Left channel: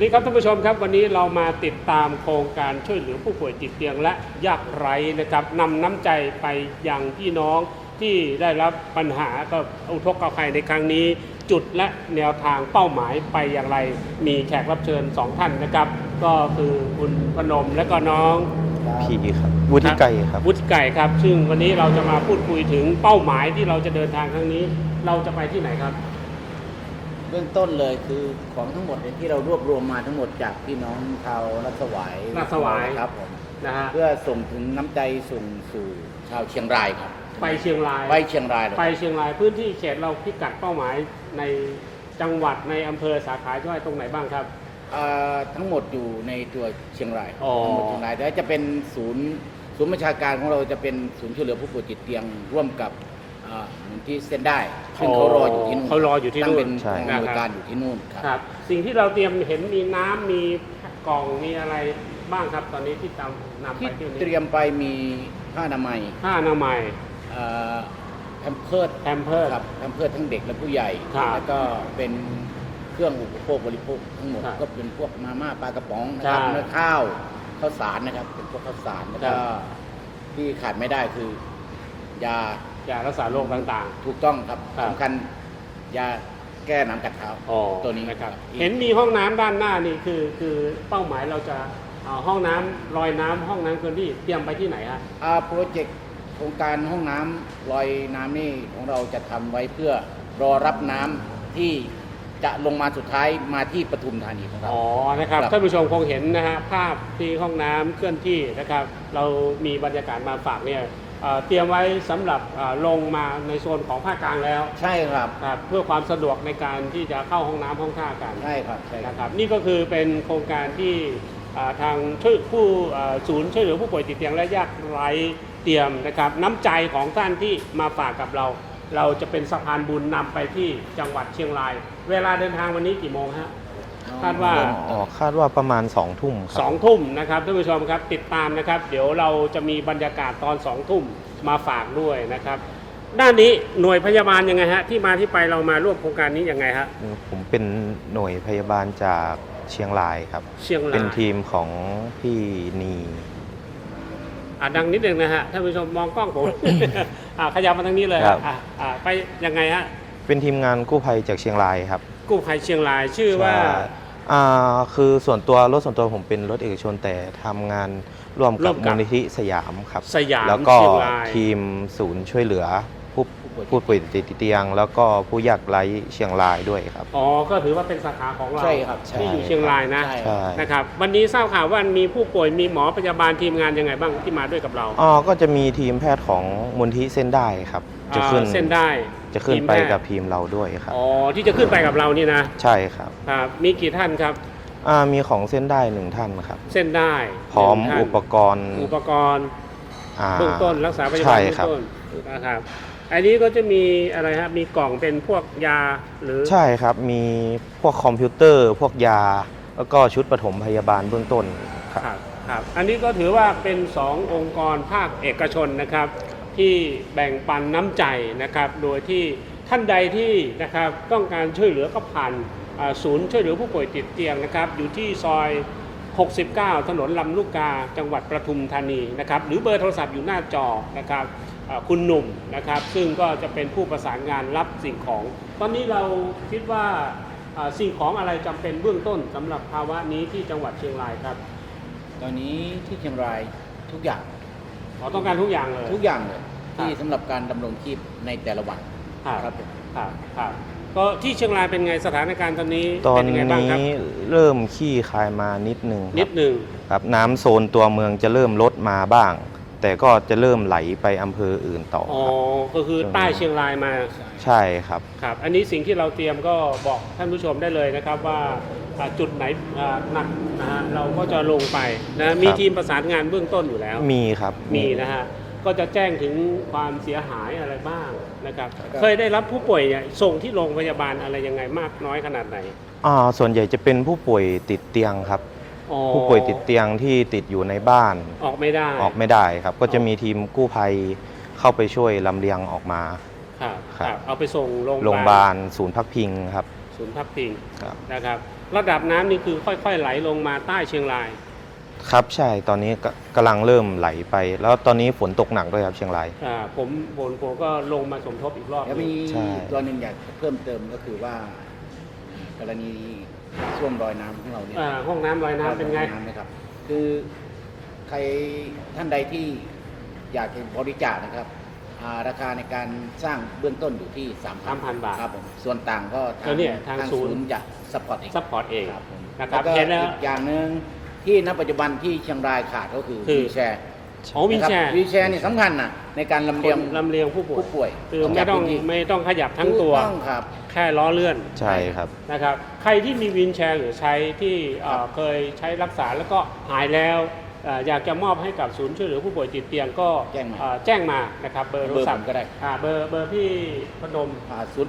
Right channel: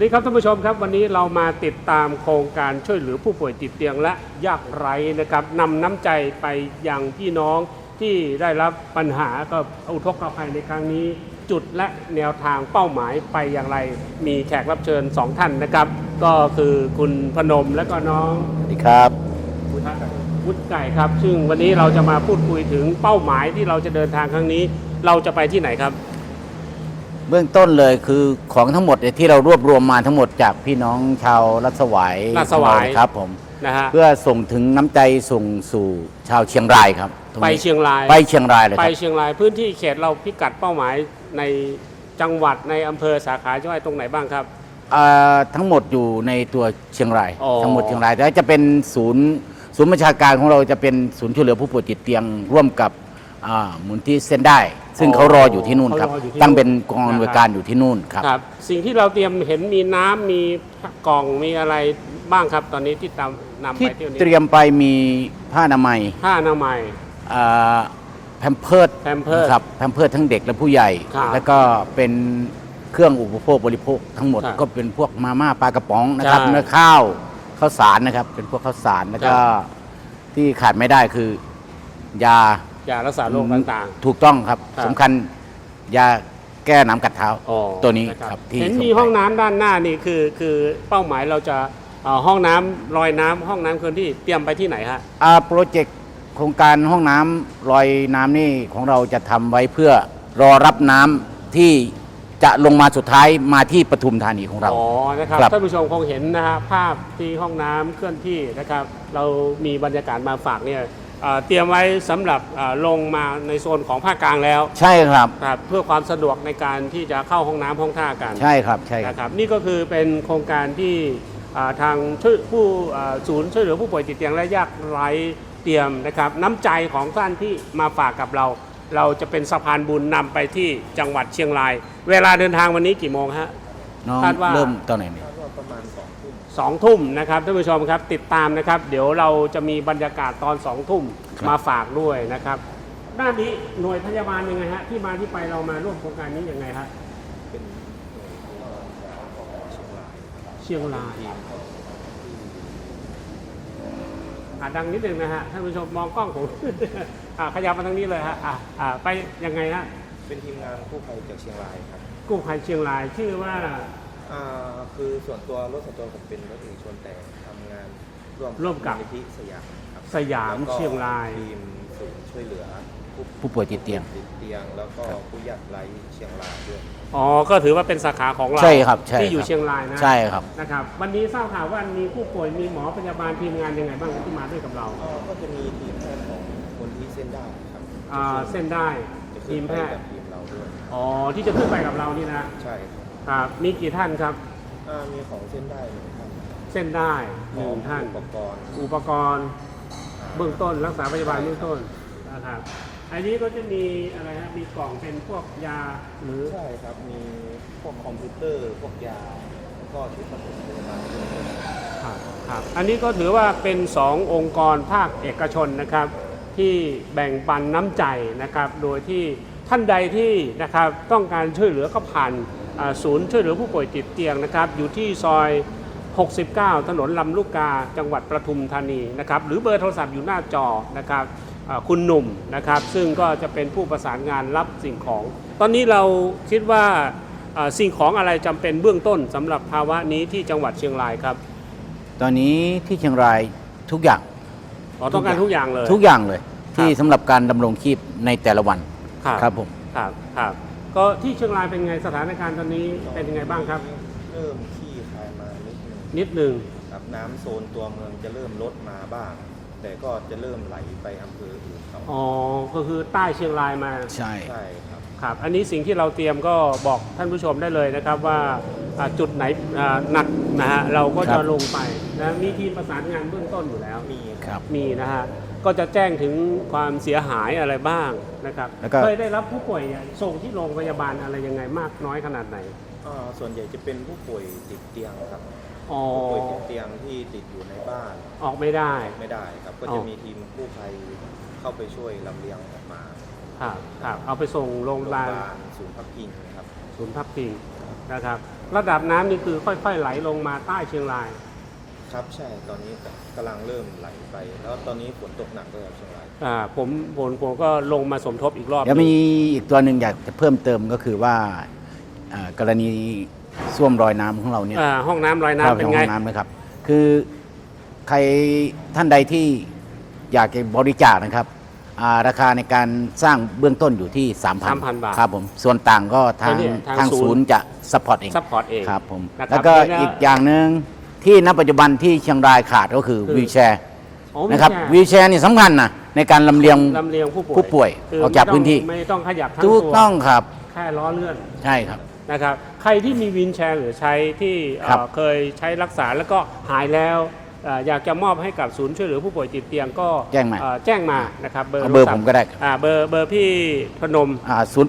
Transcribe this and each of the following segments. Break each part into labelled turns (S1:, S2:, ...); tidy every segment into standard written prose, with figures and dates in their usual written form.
S1: ดีครับท่านผู้ชมครับวันนี้เรามาติดตามโครงการช่วยเหลือผู้ป่วยติดเตียงและยากไร้นะครับนำน้ำใจไปยังพี่น้องที่ได้รับปัญหากับอุทกภัยในครั้งนี้จุดและแนวทางเป้าหมายไปอย่างไรมีแขกรับเชิญ2ท่านนะครับก็คือคุณพนมและก็น้อง
S2: ครับวุฒิไก่ครับ
S1: วุฒิไก่ครับซึ่งวันนี้เราจะมาพูดคุยถึงเป้าหมายที่เราจะเดินทางครั้งนี้เราจะไปที่ไหนครับ
S2: เบื้องต้นเลยคือของทั้งหมดที่เรารวบรวมมาทั้งหมดจากพี่น้องชาวรัศวายครับผม
S1: นะฮะ
S2: เพื่อส่งถึงน้ำใจส่งสู่ชาวเชียงรายครับ
S1: ไปเชียงราย
S2: เลย
S1: ไปเชียงรายพื้นที่เขตเราพิกัดเป้าหมายในจังหวัดในอำเภอสาขาจังหวัดตรงไหนบ้างครับ
S2: ทั้งหมดอยู่ในตัวเชียงรายทั้งหมดเชียงรายแต่จะเป็นศูนย์บัญชาการของเราจะเป็นศูนย์ช่วยเหลือผู้ป่วยติดเตียงร่วมกับมูลที่เส้นได้ซึ่งเขารออยู่ที่นู่นครับตั้งเป็นกองอำนวยการอยู่ที่นู่นครับ
S1: สิ่งที่เราเตรียมเห็นมีน้ำมีกล่องมีอะไรบ้างครับตอนนี้ที่นำไปที่
S2: เตรียมไปมีผ้าอนามัยแพมเพิร์สครับแพมเพิร์สทั้งเด็กและผู้ใหญ่แล้วก็เป็นเครื่องอุปโภคบริโภคทั้งหมดก็เป็นพวกมาม่าปลากระป๋องนะครับเนื้อข้าวสารนะครับเป็นพวกข้าวสารแล้วก็ที่ขาดไม่ได้คือยา
S1: รักษาโรคต่าง
S2: ๆถูกต้องครับสำคัญยาแก้น้ำกัดเท้าตัวนี้ครับ
S1: เห็นมีห้องน้ำด้านหน้านี่คือเป้าหมายเราจะห้องน้ำลอยน้ำห้องน้ำเคลื่อนที่เตรียมไปที่ไหนฮะ
S2: โปรเจกต์โครงการห้องน้ำลอยน้ำนี่ของเราจะทำไว้เพื่อรอรับน้ำที่จะลงมาสุดท้ายมาที่ปทุมธานีของเรา
S1: นะครับท่านผู้ชมคงเห็นนะฮะภาพที่ห้องน้ำเคลื่อนที่นะครับเรามีบรรยากาศมาฝากเนี่ยเตรียมไว้สำหรับลงมาในโซนของภาคกลางแล้ว
S2: ใช่ครับ
S1: เพื่อความสะดวกในการที่จะเข้าห้องน้ำห้องท่ากัน
S2: ใช่ครับ
S1: นะครับนี่ก็คือเป็นโครงการที่ทางศูนย์ช่วยเหลือผู้ป่วยติดเตียงและยากไร้เตรียมนะครับน้ำใจของท่านที่มาฝากกับเราจะเป็นสะพานบุญนำไปที่จังหวัดเชียงรายเวลาเดินทางวันนี้กี่โมงฮะ
S2: คาดว่า
S3: คาดว่าประมาณ2 ทุ่ม
S1: 2 ทุ่มนะครับท่านผู้ชมครับติดตามนะครับเดี๋ยวเราจะมีบรรยากาศตอน2 ทุ่มมาฝากด้วยนะครับด้านนี้หน่วยพยาบาลยังไงฮะที่มาที่ไปเรามาร่วมโครงการนี้ยังไงฮะ
S3: ผมเป็นหน่วยพยาบาลจากเชียงรายครับเป็นทีมของพี่นี
S1: ดังนิดนึงนะฮะท่านผู้ชมมองกล้องผมขยับมาทางนี้เลยครับไปยังไงฮะ
S3: เป็นทีมงานกู้ภัยจากเชียงรายครับ
S1: กู้ภัยเชียงรายชื่อว่า
S3: คือรถส่วนตัวผมเป็นรถเอกชนแต่ทำงานร่วมกับมูลนิธิสยามครับแล้วก็ทีมศูนย์ช่วยเหลือผู้ป่วยติดเตียงแล้วก็ผู้ยากไร้เชียงรายด้วยครับ
S1: ก็ถือว่าเป็นสาขาของเรา
S2: ใช่ครับ
S1: ที่อยู่เชียงรายนะ
S2: ใช่ครับ
S1: นะครับวันนี้ทราบข่าวว่ามีผู้ป่วยมีหมอพยาบาลทีมงานยังไงบ้างที่มาด้วยกับเรา
S3: ก็จะมีทีมแพทย์ของมูลนิธิเส้นได้ครับ
S1: จะขึ้นเส้นได้
S3: จะขึ้นไปกับทีมเราด้วยครับ
S1: ที่จะขึ้นไปกับเรานี่นะ
S3: ใช่ครับ
S1: มีกี่ท่านครับ
S3: มีของเส้นได้1 ท่านครับ
S1: เส้นได้
S3: พร้อมอุปกรณ์
S1: เบื้องต้นรักษาพยาบาลเบื้องต้นนะครับอันนี้ก็จะมีอะไรครับมีกล่องเป็นพวกยาหรือ
S3: ใช่ครับมีพวกคอมพิวเตอร์พวกยาแล้วก็ชุดปฐมพยาบาลเบื้องต้น
S1: ครับอันนี้ก็ถือว่าเป็น2 องค์กรภาคเอกชนนะครับที่แบ่งปันน้ำใจนะครับโดยที่ท่านใดที่นะครับต้องการช่วยเหลือก็ผ่านศูนย์ช่วยเหลือผู้ป่วยติดเตียงนะครับอยู่ที่ซอย69ถนนลำลูกกาจังหวัดปทุมธานีนะครับหรือเบอร์โทรศัพท์อยู่หน้าจอนะครับคุณหนุ่มนะครับซึ่งก็จะเป็นผู้ประสานงานรับสิ่งของตอนนี้เราคิดว่าสิ่งของอะไรจำเป็นเบื้องต้นสำหรับภาวะนี้ที่จังหวัดเชียงรายครับ
S2: ตอนนี้ที่เชียงรายทุกอย่าง
S1: ต้องการทุกอย่างเลย
S2: ที่สำหรับการดำรงชีพในแต่ละวันครับผม
S1: ครับก็ที่เชียงรายเป็นไงสถานการณ์ตอนนี้เป็นยังไงบ้างครับ
S3: เริ่มขี้คายมานิดนึงครับน้ำโซนตัวเมืองจะเริ่มลดมาบ้างแต่ก็จะเริ่มไหลไปอำเภออื่นต่อ
S1: ก็คือใต้เชียงรายมา
S3: ใช่ครับ
S1: อันนี้สิ่งที่เราเตรียมก็บอกท่านผู้ชมได้เลยนะครับว่าจุดไหนหนักนะฮะเราก็จะลงไปนะมีทีมประสานงานเบื้องต้นอยู่แล้ว
S3: มีครับ
S1: มีนะฮะก็จะแจ้งถึงความเสียหายอะไรบ้างนะครับเคยได้รับผู้ป่วยส่งที่โรงพยาบาลอะไรยังไงมากน้อยขนาดไหน
S3: ส่วนใหญ่จะเป็นผู้ป่วยติดเตียงครับผู้ป่วยติดเตียงที่ติดอยู่ในบ้าน
S1: ออกไม่
S3: ได้ครับก็จะมีทีมกู้ภัยเข้าไปช่วยลำเลียงออกมา
S1: ครับเอาไปส่งโรงพ
S3: ยาบาลศูนย์พักพิงครับ
S1: ศูนย์พักพิงนะครับระดับน้ำนี่คือค่อยๆไหลลงมาใต้เชียงราย
S3: ครับใช่ตอนนี้กำลังเริ่มไหลไป แล้วตอนนี้ฝนตกหนักด้วยครับเชียงราย
S1: ผมก็ลงมาสมทบอีกรอบ
S2: แล้วมี
S3: ใช่
S2: ตัวหนึ่งอยากจะเพิ่มเติมก็คือว่ากรณีส้วมรอยน้ำของเราเนี่ย
S1: ห้องน้ำลอยน้ำเป็น
S2: ห้
S1: ไง
S2: องน้ำนะครับ คือใครท่านใดที่อยากจะบริจาคนะครับราคาในการสร้างเบื้องต้นอยู่ที่
S1: 3,000 บาท
S2: ครับผมส่วนต่างก็ทาง
S1: เนี่ยทาง
S2: ทาง
S1: ศู
S2: ศู
S1: น
S2: น
S1: ย์
S2: ย์จะซัพพอร์ตเอง
S1: ซัพพอร์ตเอง
S2: ครับผม
S1: นะครับ
S2: แล้วก็
S1: แล้ว
S2: อีกอย่างหนึ่งที่ณปัจจุบันที่เชียงรายขาดก็คือ
S1: คือ
S2: วีลแชร์
S1: อ๋อวีล
S2: นะครับ
S1: แชร์
S2: วีลแชร์นี่สำคัญนะในการลำเลียง
S1: ลำเลียง
S2: ผู้ป่วย
S1: คื
S2: ออกจากพื้นที่
S1: ไม่ต้องขยับทั้ง
S2: ถูก
S1: ตัว
S2: ต้องครับ
S1: แค่ล้อเลื่อน
S2: ใช่ครับ
S1: นะครับใครที่มีวีลแชร์หรือใช้ที่
S2: ครับ
S1: เคยใช้รักษาแล้วก็หายแล้วอยากจะมอบให้กับศูนย์ช่วยเหลือผู้ป่วยติดเตียงก็
S2: แจ้งมา
S1: แจ้งมานะครับเบอร์
S2: เอาเบอร์
S1: โทศัพ
S2: ผม
S1: ท์
S2: ก็ได้
S1: เบอร์พี่พนม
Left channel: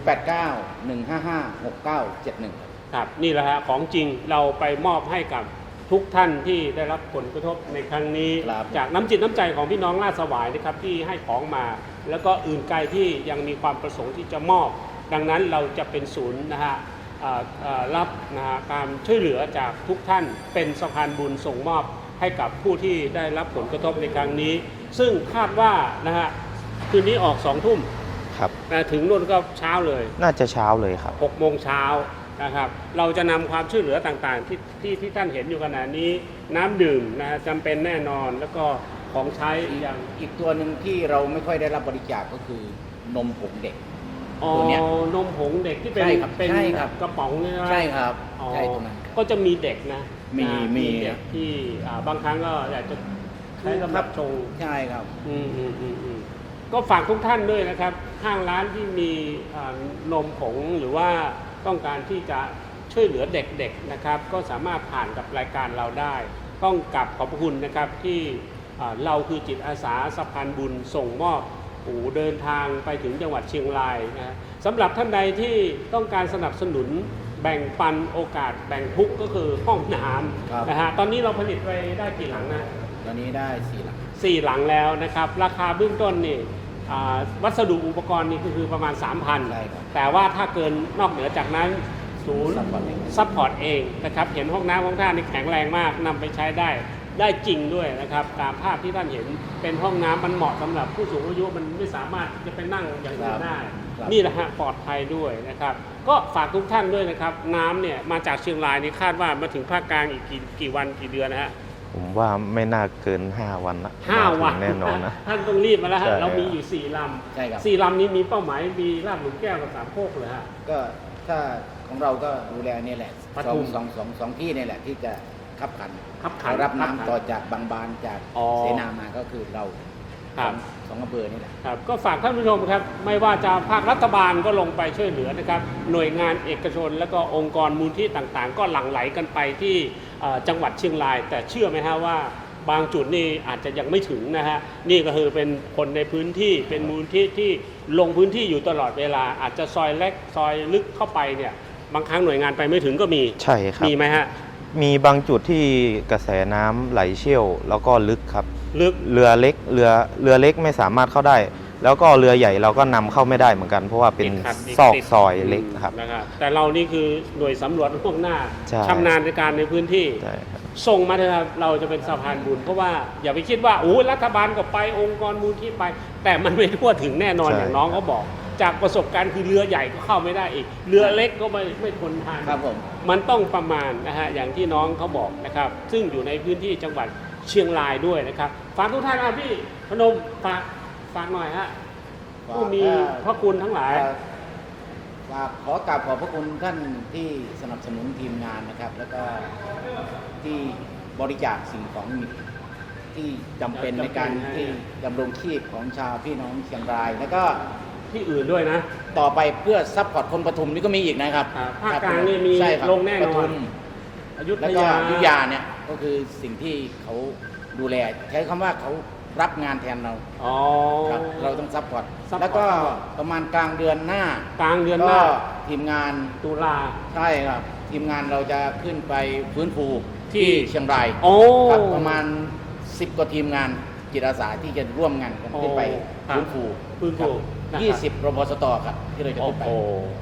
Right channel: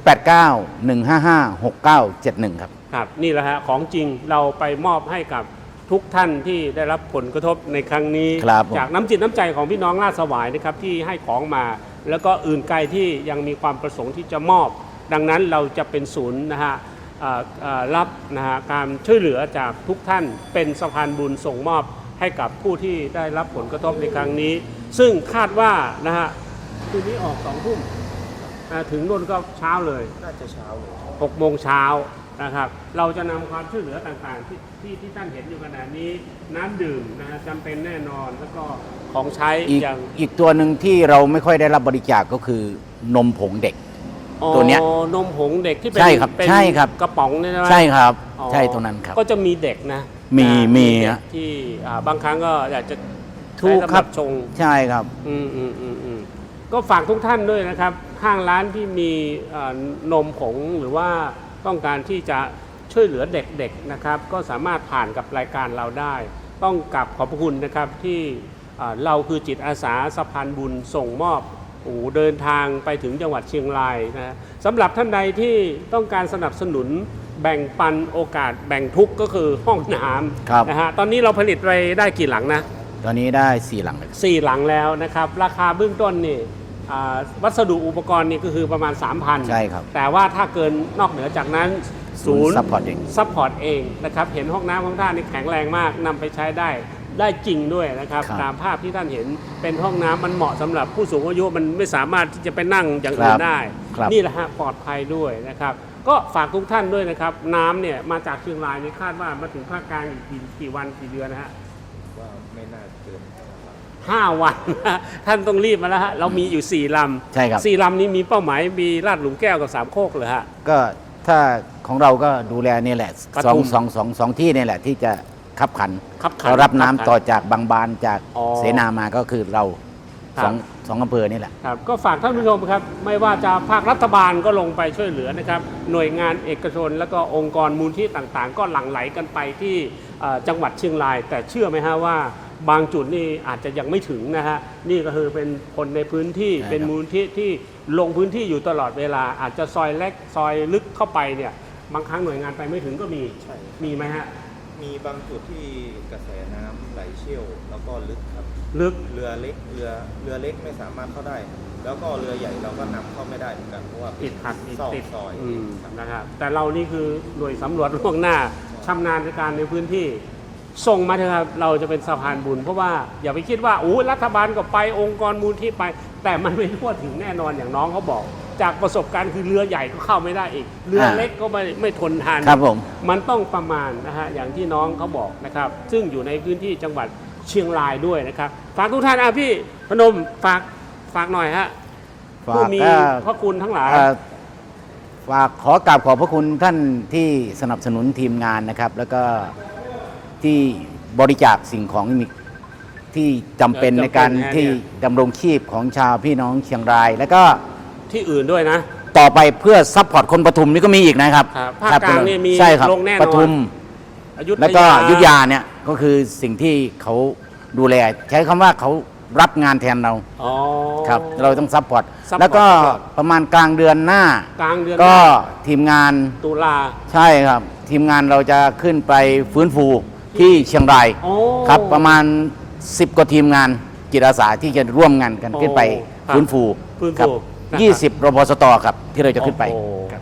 S2: 089-155-6971 ครับ
S1: ครับนี่แหละฮะของจริงเราไปมอบให้กับทุกท่านที่ได้รับผลกระทบในครั้งนี้
S2: ครับผม
S1: จากน้ำจิตน้ำใจของพี่น้องราชสวายนะครับที่ให้ของมา แล้วก็อื่นไกลที่ยังมีความประสงค์ที่จะมอบ ดังนั้นเราจะเป็นศูนย์นะฮะรับนะฮะการช่วยเหลือจากทุกท่านเป็นสะพานบุญส่งมอบให้กับผู้ที่ได้รับผลกระทบในครั้งนี้ ซึ่งคาดว่านะฮะคืนนี้ออก2 ทุ่ม
S3: ครับ
S1: ถึงนู่นก็เช้าเลย
S3: น่าจะเช้าเลยครับ
S1: 6 โมงเช้านะครับเราจะนำความช่วยเหลือต่างๆที่ท่านเห็นอยู่ขณะนี้น้ำดื่มนะฮะจำเป็นแน่นอนแล้วก็ของใช้
S2: อีก
S1: อย่าง
S2: อีกตัวหนึ่งที่เราไม่ค่อยได้รับบริจาคก็คือนมผงเด็ก ตัวเนี้ย
S1: นมผงเด็กที่เป็น
S2: ใช่ครับ
S1: เป็น
S2: ใช่ครับ
S1: กระป๋องเนี่ยนะ
S2: ใช่ครับ
S1: อ๋อ
S2: ใช่ตัวนั้นครับ
S1: ก็จะมีเด็กนะ
S2: มี
S1: นะ
S2: มี
S1: เด็ก
S2: ฮะ
S1: ที่บางครั้งก็อยากจะ
S2: ถูก
S1: ใช้สำห
S2: ครับ
S1: ชง
S2: ใช่ครับ
S1: อืมก็ฝากทุกท่านด้วยนะครับ ห้างร้านที่มีนมผงหรือว่าต้องการที่จะช่วยเหลือเด็กๆนะครับ ก็สามารถผ่านกับรายการเราได้ ต้องกลับขอบพระคุณนะครับที่เราคือจิตอาสาสะพานบุญส่งมอบเดินทางไปถึงจังหวัดเชียงรายนะสำหรับท่านใดที่ต้องการสนับสนุนแบ่งปันโอกาสแบ่งทุกข์ก็คือห้องน้
S2: ครับ
S1: ำนะฮะตอนนี้เราผลิตไปได้กี่หลังนะ
S2: ตอนนี้ได้4 หลัง
S1: 4 หลังแล้วนะครับ ราคาเบื้องต้นนี่วัสดุอุปกรณ์นี่ก็คือประมาณ 3,000
S2: ใช่ครับ
S1: แต่ว่าถ้าเกินนอกเหนือจากนั้นศูนย์
S2: ซัพพอร์ตเอง
S1: ซัพพอร์ตเองนะครับเห็นห้องน้ำของท่านนี่แข็งแรงมากนำไปใช้ได้จริงด้วยนะครับ
S2: ครับ
S1: ตามภาพที่ท่านเห็นเป็นห้องน้ำมันเหมาะสำหรับผู้สูงอายุมันไม่สามารถที่จะไปนั่งอย่างอื่นได้
S2: ครับ
S1: นี่แหละฮะปลอดภัยด้วยนะครับ ก็ฝากทุกท่านด้วยนะครับ น้ำเนี่ยมาจากเชียงรายนี่คาดว่ามาถึงภาคกลางอีกกี่วันกี่เดือนนะฮะ
S3: ผมว่าไม่น่าเกิน 5 วันนะ
S1: 5 วัน
S3: แน่นอนนะ
S1: ท่านต้องรีบมาแล้วฮะ
S3: ใช่
S1: เรามีอยู่ 4 ลำ
S2: ใช่ครับ
S1: 4 ลำนี้มีเป้าหมายมีลาดหลุมแก้วกับสามโคกเหรอฮะ
S2: ก็ถ้าของเราก็ดูแลนี่แหละ
S1: ป
S2: ส
S1: ทุ
S2: อง
S1: ม
S2: สองที่นี่แหละที่จะขับขัน
S1: ขับขัน
S2: เรารับน้ำ
S1: ขับขัน
S2: ต่อจากบางบานจาก
S1: อ๋อ
S2: เสนามาก็คือเรา
S1: ครับ
S2: สองอำเภอนี่แหละ
S1: ครับก็ฝากท่านผู้ชมครับ ไม่ว่าจะภาครัฐบาลก็ลงไปช่วยเหลือนะครับ หน่วยงานเอกชน แล้วก็องค์กรมูลที่ต่างๆ ก็หลั่งไหลกันไปที่จังหวัดเชียงราย แต่เชื่อไหมฮะว่าบางจุดนี่อาจจะยังไม่ถึงนะฮะนี่ก็คือเป็นคนในพื้นที่
S2: ใช่ครับ
S1: เป็นมูลที่ที่ลงพื้นที่อยู่ตลอดเวลา อาจจะซอยเล็กซอยลึกเข้าไปเนี่ยบางครั้งหน่วยงานไปไม่ถึงก็มี
S3: ใช่ครับ
S1: มีไหมฮะ
S3: มีบางจุดที่กระแสน้ำไหลเชี่ยว แล้วก็ลึกครับ
S1: ลึก
S3: เรือเล็กไม่สามารถเข้าได้ แล้วก็เรือใหญ่เราก็นำเข้าไม่ได้เหมือนกัน เพราะว่าเป็น
S1: ติดขัด
S3: ซอก
S1: ติด
S3: ซอยเล็กครับ
S1: นะครับแต่เรานี่คือหน่วยสำรวจล่วงหน้า
S3: ใช่
S1: ชำนาญในการในพื้นที่
S3: ใช่ครับ
S1: ส่งมาเถอะครับเราจะเป็นสะพานบุญเพราะว่าอย่าไปคิดว่ารัฐบาลก็ไปองค์กรมูลที่ไป แต่มันไม่ทั่วถึงแน่นอน
S3: ใช่
S1: อย่างน้องเขาบอก จากประสบการณ์คือเรือใหญ่ก็เข้าไม่ได้อีก เรือเล็กก็ไม่ทนทาน
S2: ครับผม
S1: มันต้องประมาณนะฮะอย่างที่น้องเขาบอกนะครับซึ่งอยู่ในพื้นที่จังหวัดเชียงรายด้วยนะครับฝากทุกท่านพี่พนมฝากหน่อยฮะ
S2: ฝาก
S1: ผู้มีพระคุณทั้งหลาย
S2: ฝากขอกราบขอบพระคุณท่านที่สนับสนุนทีมงานนะครับ แล้วก็ที่บริจาคสิ่งของที่จำเป็นในการ
S1: จำเป็นนะ
S2: ที่ดำรงชีพของชาวพี่น้องเชียงราย แล้วก็
S1: ที่อื่นด้วยนะ
S2: ต่อไปเพื่อซัพพอร์ตคนปทุมนี่ก็มีอีกนะครับ
S1: ครับภาคกลางเนี่ยมี
S2: ใช่ครับ
S1: ลงแน่นอน
S2: ปทุม
S1: อยุธยา
S2: แล้วก็อยุธยาเนี่ยก็คือสิ่งที่เขาดูแล ใช้คำว่าเขารับงานแทนเรา
S1: อ๋อ
S2: ครับเราต้องซัพพอร์ต
S1: ซัพพอร์ต
S2: แล้วก็ประมาณกลางเดือนหน้า
S1: กลางเดือน
S2: ก็
S1: หน้า
S2: ทีมงาน
S1: ตุลา
S2: ใช่ครับ ทีมงานเราจะขึ้นไปฟื้นฟู
S1: ที่
S2: ที่เชียงราย
S1: โอ้
S2: ครับประมาณ 10 กว่าทีมงานจิตอาสาที่จะร่วมงานกัน
S1: โอ้
S2: ขึ้นไป
S1: ครับ
S2: ฟื้นฟู
S1: ฟื้นฟู
S2: ครับ
S1: นะครับ
S2: 20 รพสตครับที่เราจะขึ้นไป
S1: โอ้โห
S2: ครับ
S1: อ่า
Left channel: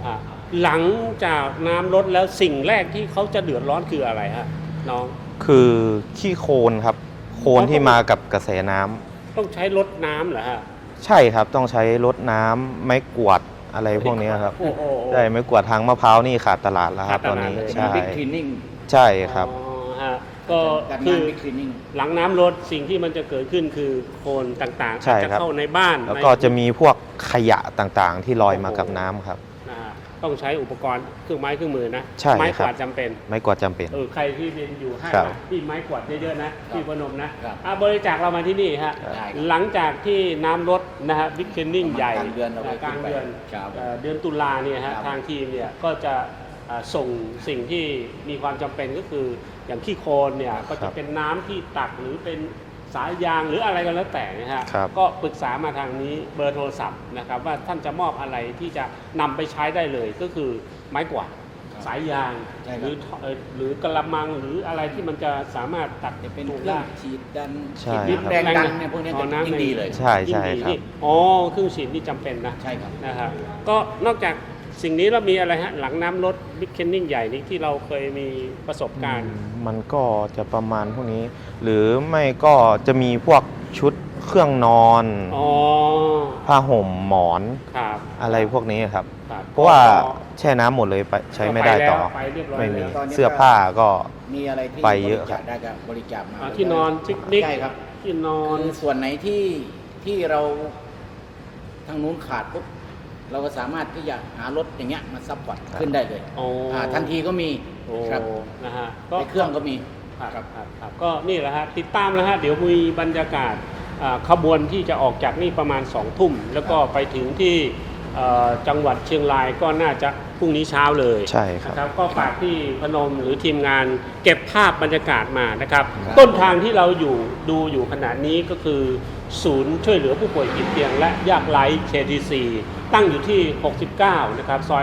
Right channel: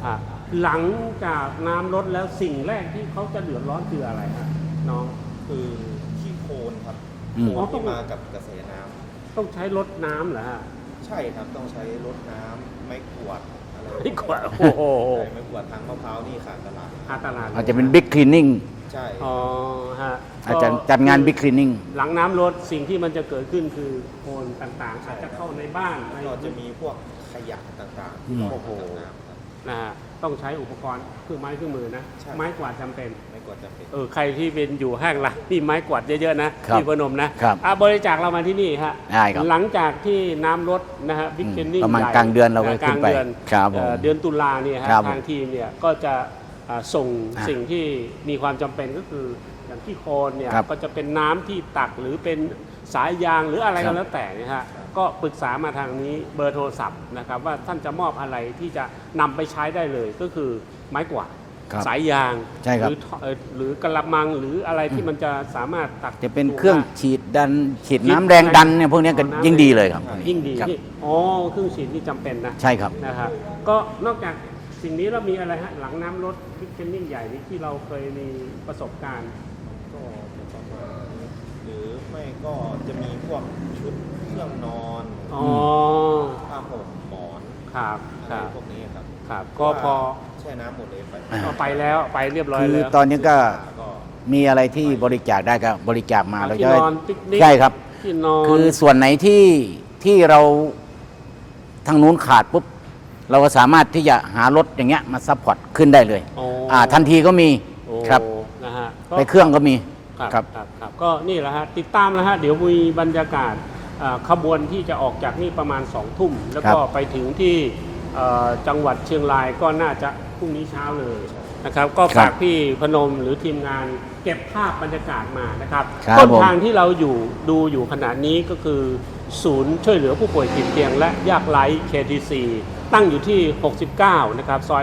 S1: หลังจากน้ำลดแล้วสิ่งแรกที่เขาจะเดือดร้อนคืออะไรฮะน้อง
S3: คือขี้โคลนครับโคลนที่มากับกระแสน้ำ
S1: ต้องใช้รดน้ำเหรอฮะ
S3: ใช่ครับต้องใช้รดน้ำไม้กวาดอะไรพวกนี้ครับ
S1: โอ้โห
S3: ได้ไม้กวาดทางมะพร้าวนี่ขาดตลาดแล้วครับ
S1: ขาด
S3: ต
S1: ต
S3: อน
S1: ลาด
S3: นี้
S2: อาจจะเป็นบิ๊กคลีนนิ่ง
S3: ใช่ครับ
S1: อ๋อฮะ
S2: อาจจะจัดงานบิ๊กคลีนนิ่ง
S1: หลังน้ำลดสิ่งที่มันจะเกิดขึ้นคือโคลนต่างๆ
S3: ใช่
S1: อาจจะ
S3: ครับ
S1: เข้าในบ้าน
S3: แล้วก็จะมีพวกขยะต่างๆ ที่ลอยมากับน้ำครับ
S1: นะฮะต้องใช้อุปกรณ์เครื่องไม้เครื่องมือนะ
S3: ใช่
S1: ไม้ก
S3: ครับ
S1: วาดจำเป็น
S3: ไม้กวาดจำเป็น
S1: ใครที่เป็นอยู่ห้าง
S3: ครับ
S1: ร้านนี่ไม้กวาดเยอะๆนะครับ ที่พนมนะครับ บริจาคเรามาที่นี่ฮะ
S2: ได้ครับ
S1: หลังจากที่น้ำลดนะฮะบิ๊กเกนนิ่ง
S2: ประมาณกลางเดือนเราก็ขึ้นไปครับผม
S1: เดือนตุลาเนี่ยฮะ
S2: ครับผม
S1: ทางทีมเนี่ยก็จะส่ง
S2: อ่า
S1: สิ่งที่มีความจำเป็นก็คืออย่างขี้โคลนเนี่ย
S2: ครับ
S1: ก็จะเป็นน้ำที่ตักหรือเป็นสายยางหรืออะไรก็แล้วแต่นะฮะ
S3: ครับ
S1: ก็ปรึกษามาทางนี้เบอร์โทรศัพท์นะครับว่าท่านจะมอบอะไรที่จะนำไปใช้ได้เลยก็คือไม้กวาด
S2: ครับ
S1: สายยาง
S2: ใช่ครับ
S1: หรือกระมังหรืออะไรที่มันจะสามารถตัด
S2: จะเป็นเครื่องฉีดดัน
S3: ใช่
S2: ฉีดน้ำแรงดันเนี่ยพวกเนี้ยก็ยิ่งดีเลยครับ
S3: ใช่
S1: ยิ่งดี
S3: ครับ
S1: ที่อ๋อเครื่องฉีดที่จำเป็นนะ
S2: ใช่ครับ
S1: นะครับก็นอกจากสิ่งนี้แล้วมีอะไรฮะหลังน้ำลดบิ๊กเคนนิ่งใหญ่นี้ที่เราเคยมีประสบการณ์
S3: มันก็จะประมาณพวกนี้ หรือไม่ก็จะมีพวกชุดเครื่องนอน
S1: อ๋อ
S3: ผ้าห่มหมอน
S1: ครับ
S3: อะไรพวกนี้ครับ
S1: ครับ
S3: เพราะว่า
S1: ก็
S3: แช่น้ำหมดเลยไปใช้ไม่ได้
S1: ไปแล้
S3: ต่
S1: ว
S3: อ
S1: ไปเรียบร้อย
S2: คือ
S1: แล้ว
S2: ตอนนี้
S3: เสื้อ
S2: ก็
S3: ผ้าก็
S2: มีอะไรที่
S3: ไปเยอะ
S2: บริจาคได้ก็บริจาคมาแล้ว
S1: ที่
S2: ก็
S1: นอนที่บิ๊ก
S2: ใช่ครับ
S1: ที่นอน
S2: คือส่วนไหนที่เราทางนู้นขาดปุ๊บเราก็สามารถที่จะหารถอย่างเงี้ยมาซัพพอร์ตขึ้นได้เลย
S1: อ๋อ
S2: ทันทีก็มี
S1: โอ้
S2: ครับ
S1: นะฮะก็
S2: ไปเครื่องก็มี
S1: ครับครับก็นี่แหละฮะติดตามแล้วฮะเดี๋ยวมีบรรยากาศขบวนที่จะออกจากนี่ประมาณ2 ทุ่ม แล้วก็
S2: ครับ
S1: ไปถึงที่จังหวัดเชียงรายก็น่าจะพรุ่งนี้เช้าเลย
S3: ใช่ครับ
S1: นะครับก็ฝากพี่พนมหรือทีมงานเก็บภาพบรรยากาศมานะครับ
S2: ครับ
S1: ต้น
S2: ผม
S1: ทางที่เราดูอยู่ขณะนี้ก็คือ ศูนย์ช่วยเหลือผู้ป่วยติดเตียงและยากไร้ KTC ตั้งอยู่ที่ 69 นะครับซอย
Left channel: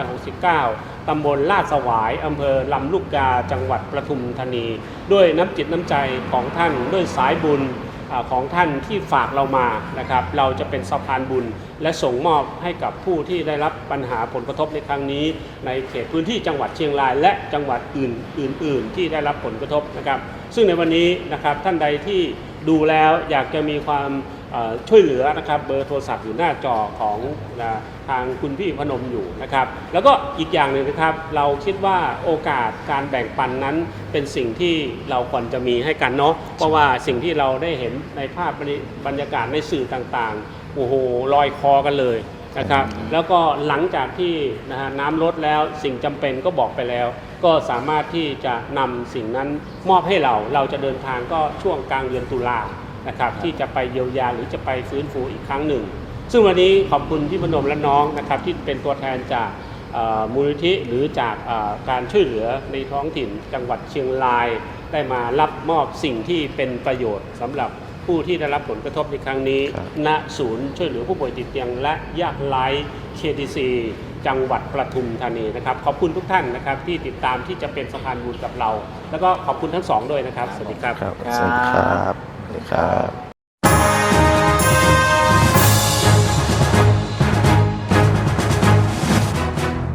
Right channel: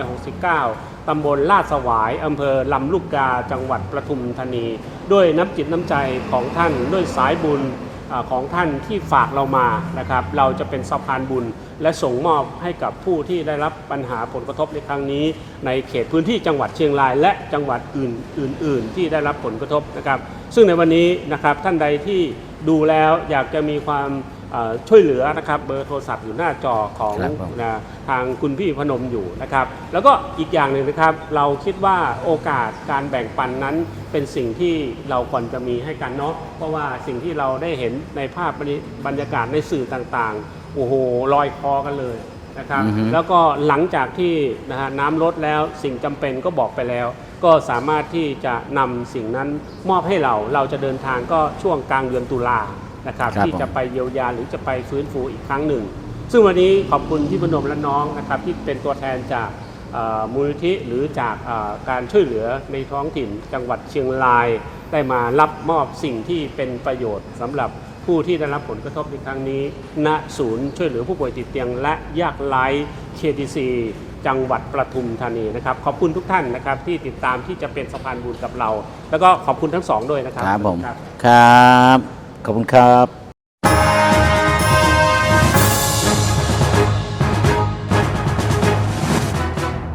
S1: 69 ตำบลลาดสวาย อำเภอลำลูกกา จังหวัดปทุมธานี ด้วยน้ำจิตน้ำใจของท่าน ด้วยสายบุญของท่านที่ฝากเรามานะครับ เราจะเป็นสะพานบุญ และส่งมอบให้กับผู้ที่ได้รับปัญหาผลกระทบในครั้งนี้ ในเขตพื้นที่จังหวัดเชียงราย และจังหวัดอื่น ๆ ที่ได้รับผลกระทบนะครับ ซึ่งในวันนี้นะครับท่านใดที่ดูแล้วอยากจะมีความช่วยเหลือนะครับเบอร์โทรศัพท์อยู่หน้าจอของ
S2: ครับผม
S1: ทางคุณพี่พนมอยู่นะครับแล้วก็อีกอย่างหนึ่งนะครับเราคิดว่าโอกาสการแบ่งปันนั้นเป็นสิ่งที่เราควรจะมีให้กันเนาะเพราะว่าสิ่งที่เราได้เห็นในภาพบรรยากาศในสื่อต่างๆโอ้โหลอยคอกันเลยนะครับ
S2: อือฮึ
S1: แล้วก็หลังจากที่นะฮะน้ำลดแล้วสิ่งจำเป็นก็บอกไปแล้ว ก็สามารถที่จะนำสิ่งนั้นมอบให้เราจะเดินทางก็ช่วงกลางเดือนตุลานะครับ
S2: ครับ
S1: ที่จะไปเยียวยาหรือจะไปฟื้นฟูอีกครั้งหนึ่ง ซึ่งวันนี้ขอบคุณพี่พนมและน้องนะครับที่เป็นตัวแทนจากมูลนิธิหรือจากการช่วยเหลือในท้องถิ่นจังหวัดเชียงราย ได้มารับมอบสิ่งที่เป็นประโยชน์สำหรับผู้ที่ได้รับผลกระทบในครั้งนี้ ณศูนย์ช่วยเหลือผู้ป่วยติดเตียงและยากไร้ KTC จังหวัดปทุมธานีนะครับขอบคุณทุกท่านนะครับที่ติดตามที่จะเป็นสะพานบุญกับเรา แล้วก็ขอบคุณทั้งสองด้วยนะครับ
S2: ครับผม
S1: สวัสดีครับ
S2: ครับ ขอบคุณครับ